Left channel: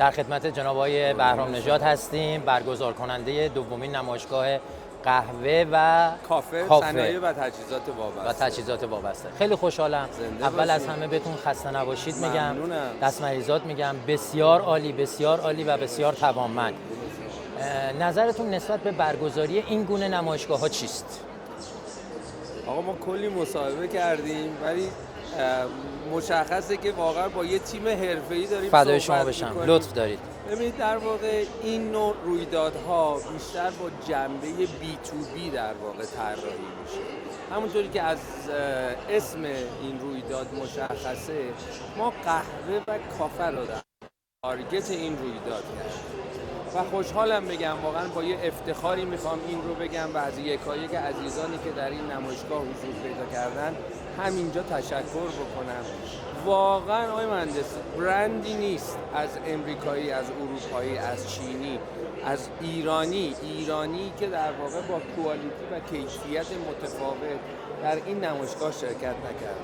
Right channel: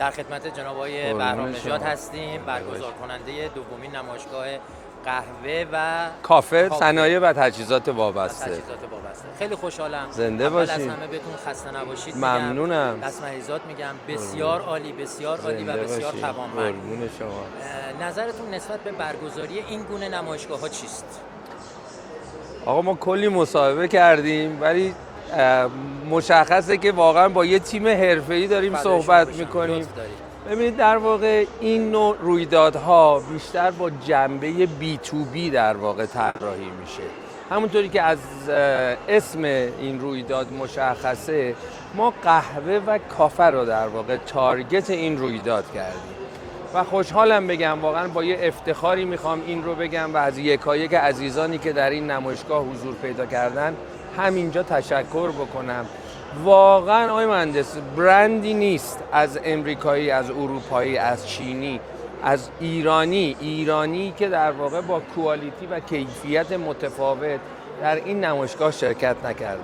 در خدمت جناب آقای بهرام نژاد هستیم، برگزار کننده دومین نمایشگاه قهوه و کافه صنایع و تجهیزات وابسته. خیلی خوشحالم. زنده اول باشید. از همه بهتون خسته نباشید میگم. ممنونم. دست مریضات میگم بسیار عالی، بسیار عالی و بسیار توانمند. نظرتون نسبت به برگزاری این گونه نمایشگاه ها چیست؟ آقا ما کلی مصاحبه کردیم ولی مشخصه که واقعا با یه تیم حرفه‌ای داریم صحبت می‌کنیم. لطف دارید. ببینید در واقع این نوع رویدادها بیشتر با جنبه بی تو بی در واقع طراحی میشه. همونطوری که از اسم این رویداد مشخصه، ما قهوه و کافه رو در واقع تارگت این رویداد کردیم و خوشحالم بگم واقعا با یه افتخاری میخوام این رو بگم و از یکایک عزیزانی که در این نمایشگاه حضور پیدا کردن همینجا تشکر بکنم. واقعا آقای مهندس برندی نیست از امریکایی، از اروپایی، از چینی، از ایرانی که در واقع با کوالیتی و کیفیت متفاوت در این نمایشگاه شرکت نکرده.